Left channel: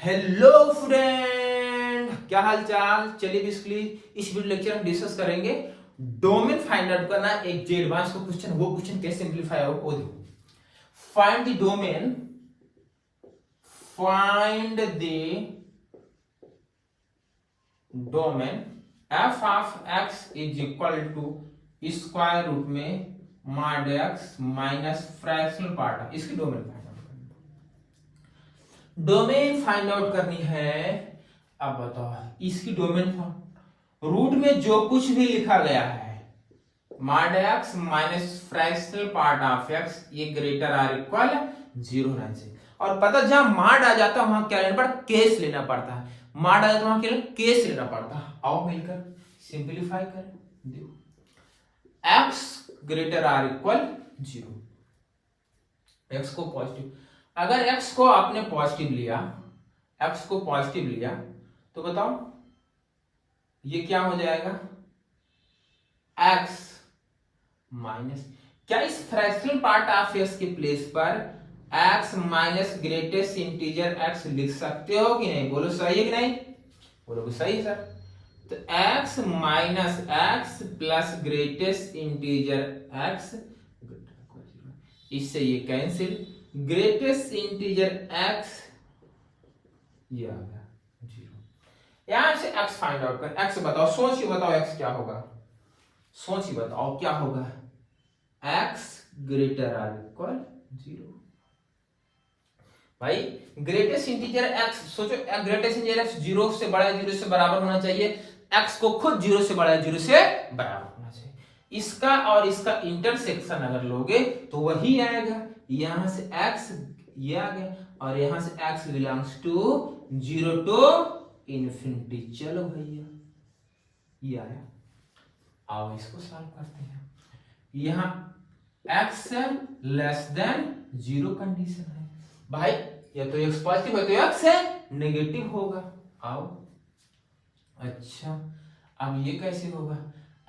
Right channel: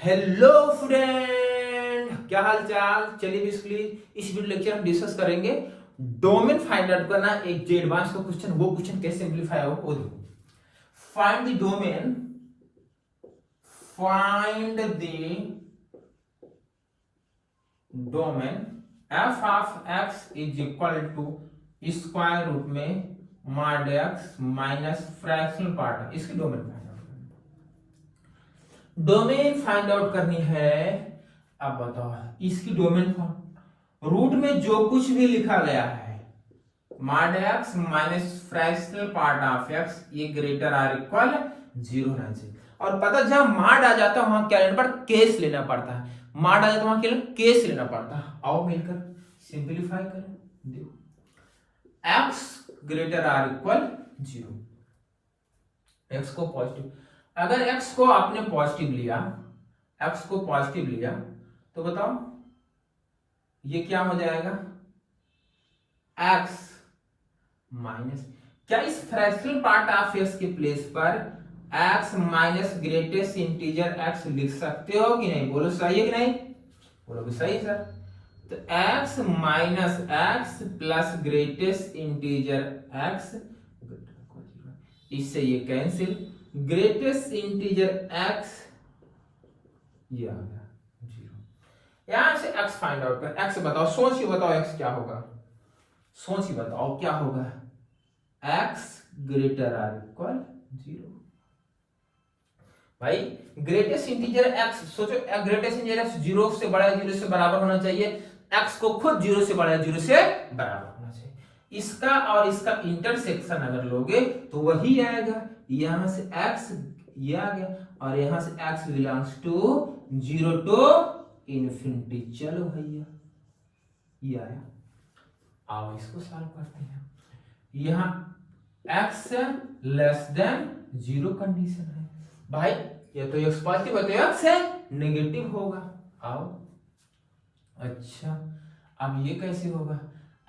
Hello friend, क्या हाल चाल। चलिए बेसिकली इस वीडियो लेक्चर में डिस्कस करेंगे डोमेन फाइंड आउट करना। एक जे एडवांस का क्वेश्चन, वो क्वेश्चन कैसे सिंपलीफाई हो वो देखो। Find the domain, find the domain f of x is equal to square root में mod x minus fractional part. इसकी डोमेन फाइंड आउट करनी, डोमेन फाइंड आउट करनी है। अब बताओ इसकी डोमेन रूट में जो कुछ भी लिखा गया है mod x minus fractional part of x, ये ग्रेटर आर इक्वल 0 रहना चाहिए। और पता जहां मॉड आ जाता है वहां क्या लेना पड़ता, केस लेना पड़ता है। मॉड आ जाता है वहां क्या केस लेना पड़ता है। आओ मिलकर सिंपलीफाई करें। देखो x greater or equal 0, x को पॉजिटिव, अगर एक्स को आपने पॉजिटिव लिया, एक्स को पॉजिटिव लिया तो बताओ ये क्या हो जाएगा, एक्स माइनस, क्या इस फ्रैक्शनल पार्ट ऑफ एक्स के प्लेस पर x minus greatest integer x लिख सकते हो कि नहीं? बोलो सही है कि नहीं? बोलो सही है सर। तो x minus x plus greatest integer x, इससे ये कैंसिल, ग्रेटेस्ट इंटीजर एक्स ये आ गया 0। यहां से एक्स फाइंड आउट कर। एक्स बताओ, सोच के बताओ एक्स क्या होगा, सोच के बताओ क्या होगा। X greater or equal 0। भाई ग्रेटेस्ट इंटीजर एक्स, सोचो ग्रेटेस्ट इंटीजर एक्स 0 से बड़ा, 0 से बराबर होना चाहिए। एक्स को खुद 0 से बड़ा, 0 से बराबर होना चाहिए। इसका और इसका इंटरसेक्शन अगर लोगे तो वही आएगा। यहां से एक्स ये आ गया और यहां से X belongs to 0 to infinity. चलो भैया ये आया। आओ इसको सॉल्व करते हैं। यहां x लेस देन 0 कंडीशन है। भाई ये तो x पॉजिटिव है तो x है नेगेटिव होगा। आओ अच्छा, अब ये कैसे होगा,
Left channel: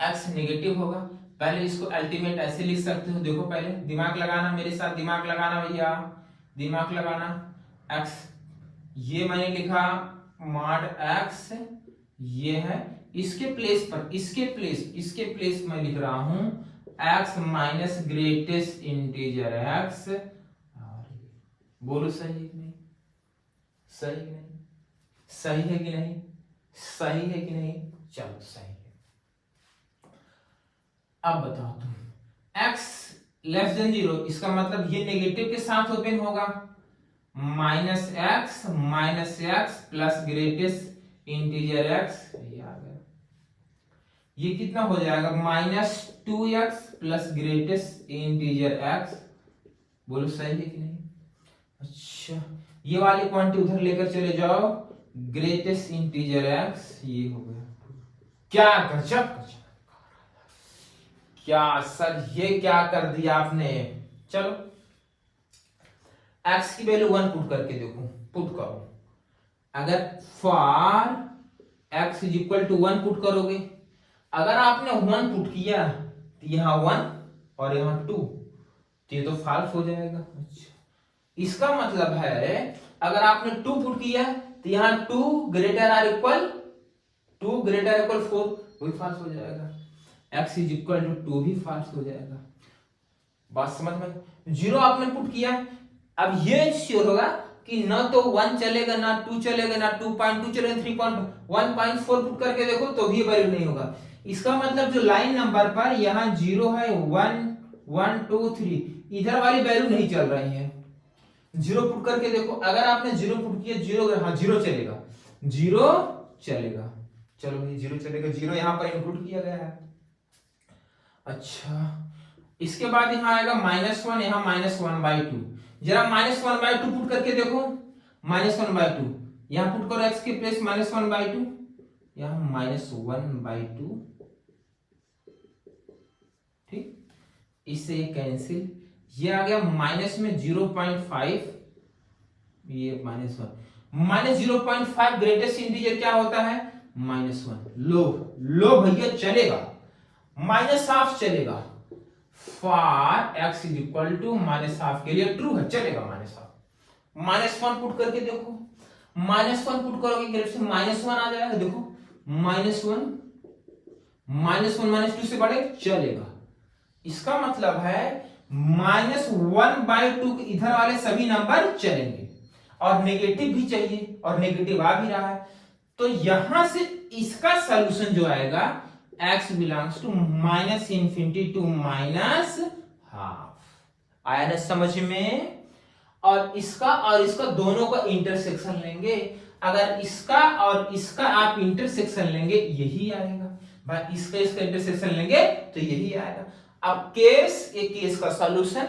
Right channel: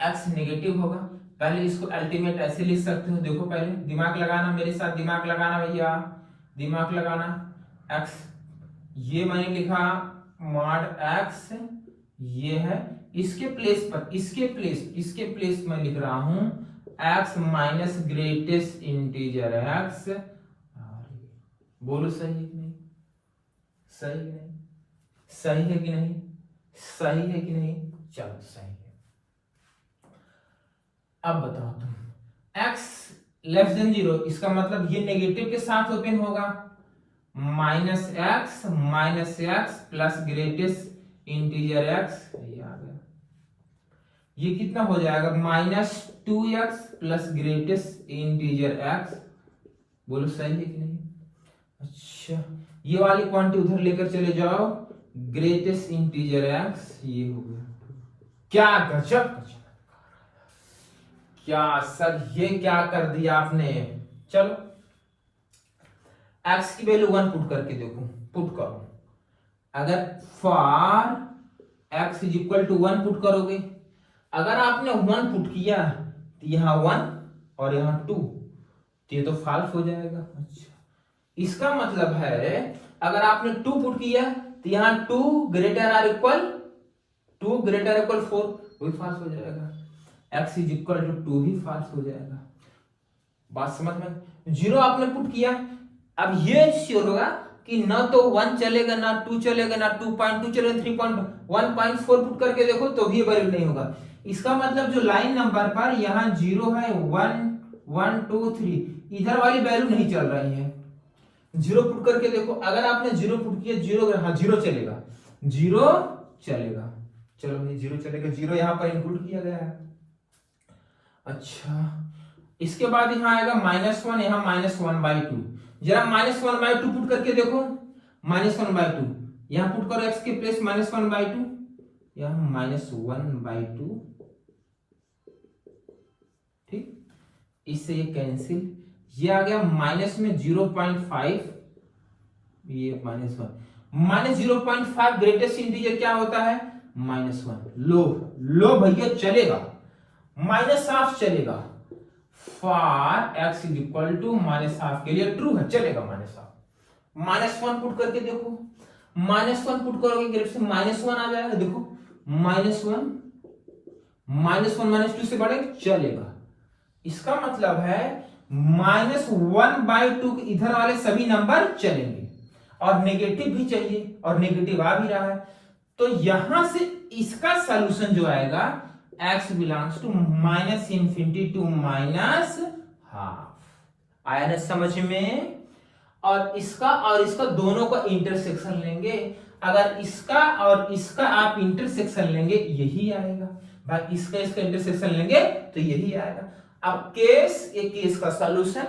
x नेगेटिव होगा। पहले इसको अल्टीमेट ऐसे लिख सकते हो। देखो पहले दिमाग लगाना, मेरे साथ दिमाग लगाना भैया, दिमाग लगाना। x ये मैंने लिखा मॉड x, ये है इसके प्लेस पर, इसके प्लेस में लिख रहा हूं x minus greatest integer x। बोलो सही है कि नहीं? सही है नहीं? सही है कि नहीं? सही है कि नहीं? चलो सही है। अब बताओ तुम, x लेस देन 0, इसका मतलब ये नेगेटिव के साथ ओपन होगा। Minus x plus greatest integer x, ये आ गया। ये कितना हो जाएगा, -2x plus greatest integer x। बोलो सही है कि नहीं? अच्छा, ये वाली क्वांटिटी उधर लेकर चले जाओ, ग्रेटेस्ट इंटीजर x, ये हो गया। क्या गजब, क्या सर ये क्या कर दिया आपने। चलो x की वैल्यू 1 पुट करके देखो, पुट करो। अगर for x is equal to 1 put करोगे, अगर आपने 1 पुट किया तो यहां 1 और यहां 2, तो ये तो फॉल्स हो जाएगा। अच्छा, इसका मतलब है अगर आपने 2 पुट किया तो यहां 2 ग्रेटर आर इक्वल 4, वही फॉल्स हो जाएगा। x इज इक्वल टू 2 भी फॉल्स हो जाएगा। बात समझ में? 0 आपने पुट किया, अब ये श्योर होगा कि ना तो 1 चलेगा, ना 2 चलेगा, ना 2.2 चलेगा, 3.1.4 पुट करके देखो तो भी वैलिड नहीं होगा। इसका मतलब जो लाइन नंबर पर यहाँ 0 है, 1 1 2 3, इधर वाली वैल्यू नहीं चल रही है। 0 पुट करके देखो, अगर आपने 0 पुट किया, 0, हाँ 0 चलेगा, 0 चलेगा। चलो भाई 0 चलेगा, 0 यहाँ पर इंक्लूड किया गया है। अच्छा, इसके बाद यहाँ आएगा -1, यहाँ -1/2। जरा -1/2 पुट करके देखो, -1/2 यहाँ पुट करो, x के प्लेस -1/2, यहाँ -1/2। ठीक, इससे ये कैंसिल, ये आ गया माइनस में 0.5, ये -1 -0.5 ग्रेटेस्ट इंटीजर क्या होता है, -1। लो भैया चलेगा, -1/2 चलेगा। For x is equal to -1/2 के लिए ट्रू है, चलेगा -1/2। -1 पुट करके देखो, -1 पुट करोगे ग्रेफ से -1 आ जाएगा, देखो -1 -1 -2 से बढ़े चलेगा। इसका मतलब है -1/2 इधर वाले सभी नंबर चलेंगे और नेगेटिव भी चाहिए और नेगेटिव आ भी रहा है, तो यहां से इसका सॉल्यूशन जो आएगा x बिलोंग्स टू -∞ टू -12 आया ना समझ में। और इसका दोनों का इंटरसेक्शन लेंगे, अगर इसका और इसका आप इंटरसेक्शन लेंगे यही आएगा भाई, इसका इंटरसेक्शन लेंगे तो यही आएगा। अब केस ये केस का सॉल्यूशन,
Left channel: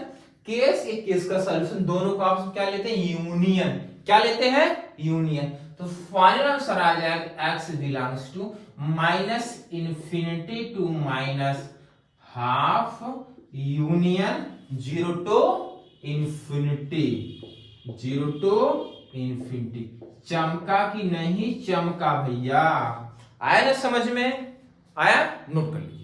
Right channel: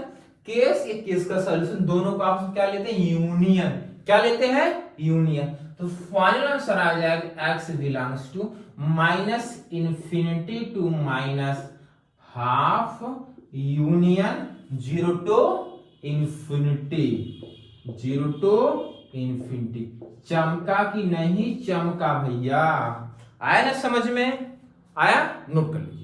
केस ये केस का सॉल्यूशन, दोनों को आप क्या लेते हैं यूनियन, क्या लेते हैं यूनियन। तो फाइनल आंसर आ जाएगा x belongs to -∞ to -12 union 0 to infinity, 0 to infinity। चमका कि नहीं चमका भैया, आया ना समझ में, आया, नोट कर लीजिए।